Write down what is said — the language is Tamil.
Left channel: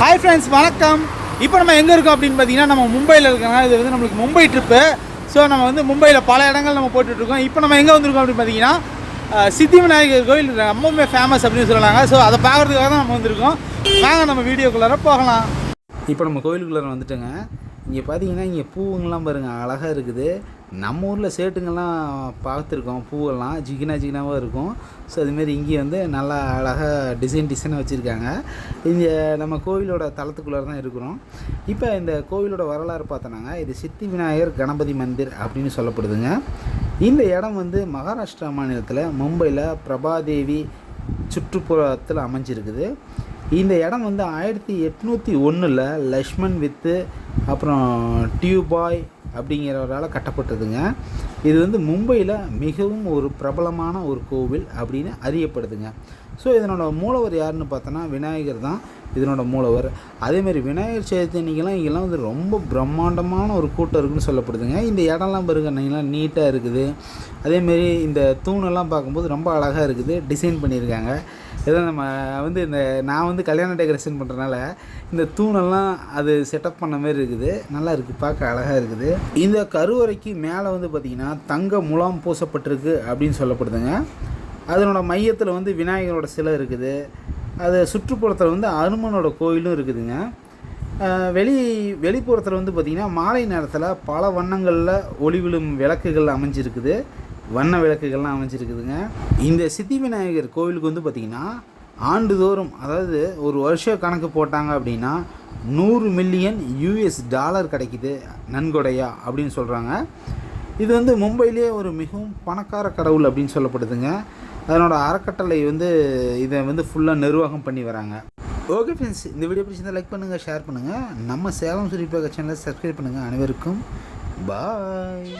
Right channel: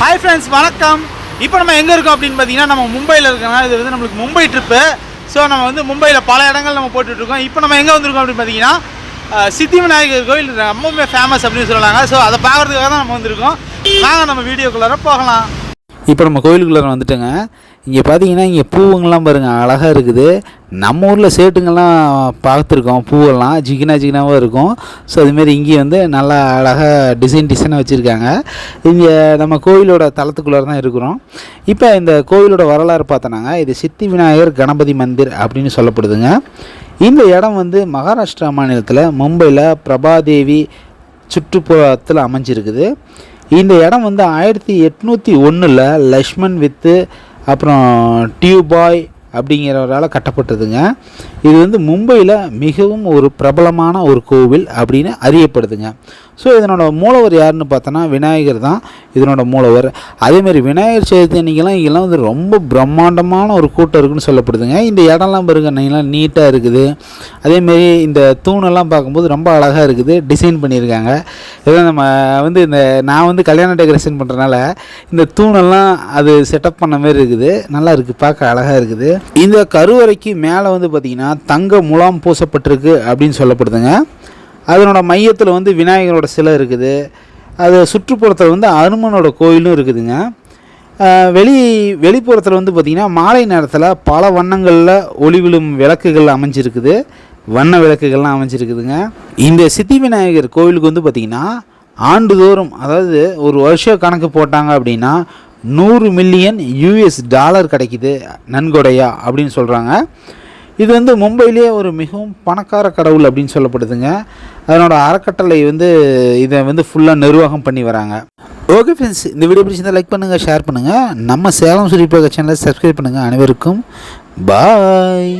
ஹாய் ஃப்ரெண்ட்ஸ், வணக்கம். இப்போ நம்ம எங்கே இருக்கோம் அப்படின்னு பார்த்தீங்கன்னா, நம்ம மும்பையில் இருக்கோங்க. இது வந்து நம்மளுக்கு மும்பை ட்ரிப்பு. ஸோ நம்ம வந்து மும்பையில் பல இடங்கள் நம்ம போட்டுட்ருக்கோம். இப்போ நம்ம எங்கே வந்திருக்கோம் அப்படின்னு பார்த்தீங்கன்னா, சித்தி விநாயகர் கோயில் ரொம்பவுமே ஃபேமஸ் அப்படின்னு சொல்கிறாங்க. ஸோ அதை பார்க்குறதுக்காக தான் நம்ம வந்திருக்கோம். நாங்கள் நம்ம வீடியோக்குள்ளார போகலாம். இப்போ நம்ம கோயிலுக்குள்ளார வந்துட்டோங்க. இங்கே பார்த்தீங்கன்னா இங்கே பூவுங்கள்லாம் பாருங்கள், அழகாக இருக்குது. நம்ம ஊரில் சேட்டுங்கள்லாம் பார்த்துருக்கோம், பூவெல்லாம் ஜிகினாவாக இருக்கும். ஸோ அதுமாரி இங்கே வந்து நல்லா அழகாக டிசைனாக வச்சுருக்காங்க. இங்கே நம்ம கோயிலோட தளத்துக்குள்ளார தான் இருக்கிறோம். இப்போ இந்த கோயிலோட வரலாறு பார்த்தோன்னாங்க, இது சித்தி விநாயகர் கணபதி மந்திர் அப்படின்னு சொல்லப்படுதுங்க. இந்த இடம் வந்து மகாராஷ்டிரா மாநிலத்தில் மும்பையில் பிரபாதேவி சுற்றுப்புறத்தில் அமைஞ்சிருக்குது. இந்த இடம் வந்து 1801 லக்ஷ்மண் வித்து அப்புறம் டியூபாய் அப்படிங்கிறவரால் கட்டப்பட்டதுங்க. இது வந்து மும்பையில் மிகவும் ஒரு பிரபலமான ஒரு கோவில் அப்படின்னு அறியப்படுதுங்க. ஸோ இதனோட மூலவர் யாருன்னு பார்த்தோன்னா விநாயகர் தான் இதனோட மூலவர். அதேமாதிரி விநாயகர் சதுர்த்தி அன்றைக்கெல்லாம் இங்கெல்லாம் வந்து ரொம்ப பிரம்மாண்டமான ஒரு கூட்டம் இருக்குதுன்னு சொல்லப்படுதுங்க. இந்த இடம்லாம் பாருங்க, நீங்களாம் நீட்டாக இருக்குது. அதேமாரி இந்த தூணெல்லாம் பார்க்கும்போது ரொம்ப அழகாக இருக்குது, டிசைன் பண்ணியிருக்காங்க. இதெல்லாம் நம்ம வந்து நான் வந்து கல்யாண டெக்கரேஷன் பண்ணுறதுனால இந்த தூணெல்லாம் அது செட்டப் பண்ண மாதிரி இருக்குது, நல்லா இருக்குது, பார்க்க அழகாக இருக்குது. இந்த கருவறைக்கு மேலே வந்து பார்த்திங்கன்னா தங்க முலாம் பூசப்பட்டிருக்கு அப்படின்னு சொல்லப்படுதுங்க. அதனோட மையத்தில் வந்து விநாயகரோட சிலை இருக்குது. அது சுற்றுப்புறத்தில் வந்து அனுமனோட கோயிலும் இருக்குதுங்க. வெளிப்புறத்தில் வந்து பார்த்திங்கன்னா மாலை நேரத்தில் பல வண்ணங்களில் ஒளிவிழும் விளக்குகள் அமைஞ்சிருக்குது, வண்ண விளக்குகள்லாம் அமைஞ்சிருக்குதுங்க. இந்த சித்தி விநாயகர் கோயிலுக்கு வந்து பார்த்திங்கன்னா ஆண்டுதோறும், அதாவது ஒரு வருஷ கணக்கு போட்டாங்க அப்படின்னா 100 மில்லியன் US டாலர் கிடைக்குது நன்கொடையா அப்படின்னு சொல்கிறாங்க. இது வந்து மும்பையிலேயே ஒரு மிகவும் பணக்கார கடவுள் அப்படின்னு சொல்லப்படுதுங்க. அதனோட அறக்கட்டளை வந்து இதை வந்து ஃபுல்லாக நிர்வாகம் பண்ணி வராங்க. ஓகே ஃப்ரெண்ட்ஸ், இந்த வீடியோ பிடிச்சிருந்தால் லைக் பண்ணுங்கள், ஷேர் பண்ணுங்கள். நம்ம சேலம் சுரிப்பாக சேனலை சப்ஸ்கிரைப் பண்ணுங்கள். அனைவருக்கும் பாய்.